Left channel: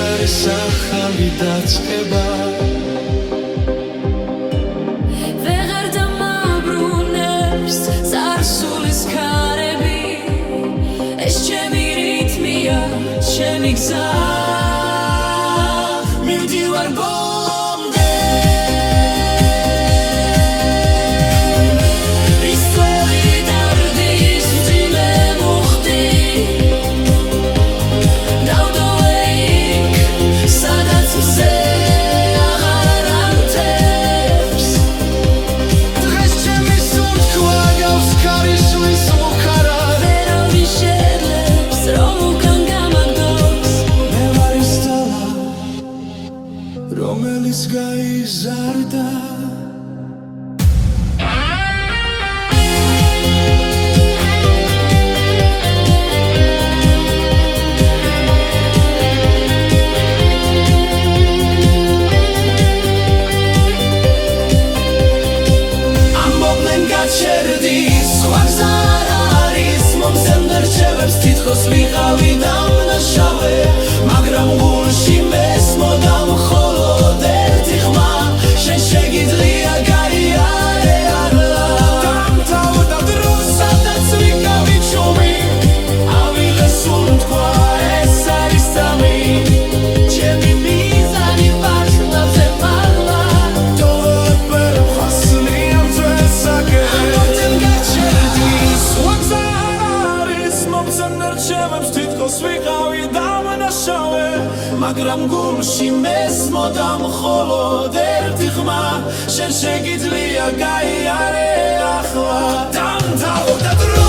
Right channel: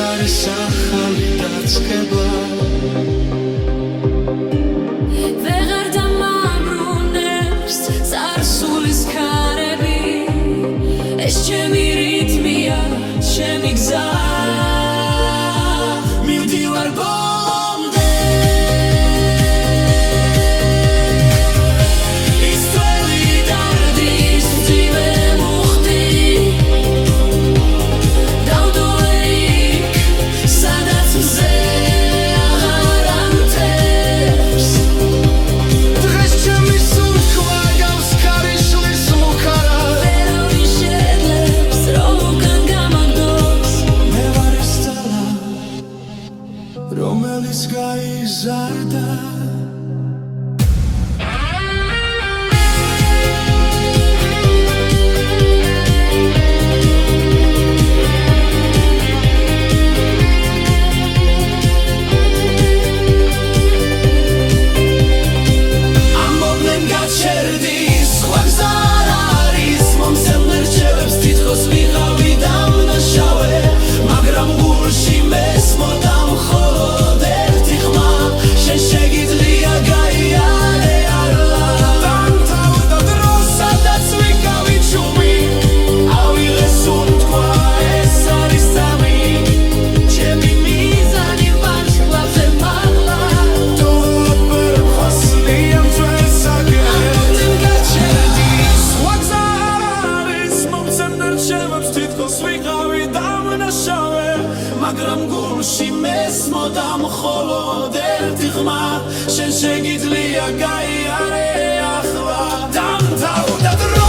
არის ახალი დაწყება ვეღარ დამაბრუნებს წარსულის ქარები ეს ჩემი რითმია ჩემი გზა მივდივარ ბოლომდე ის ძველი დარდის მძიმე მუხტი დავდოვე იქ სადაც მზე აღარ ანთებს დღეს ჩემი სუნთქვა გავს ქარიშლის მუქარა ვერავინ შეძლებს რომ უკან გამაგდოს მე ვარ ის ძალა რომელიც გაიზარდა ამბობდნენ გაჩერდი სხვა გზა არ არის მომცემ რჩევებს თითქოს ვიყავი დამნაშავე მაგრამ გულში მესმოდა მხოლოდ ერთი ხმა შენ შეგიძლია გაიარე არლა დამთავრდა დრო სადაც ვიკავი ჩუმი ავიღე სუნთქვა ეს არის სამი ჩემი მიზანი ვარსკვლავზე მაღლა დოვლაპერ ხასნი ამ ძველსაკე ამბობდნენ გაჩერდი სხვა გზა არ არის მომცემ რჩევებს თითქოს ვიყავი დამნაშავე მაგრამ გულში მესმოდა მხოლოდ ერთი ხმა შენ შეგიძლია გაიარე ახლა დამთავრდა დრო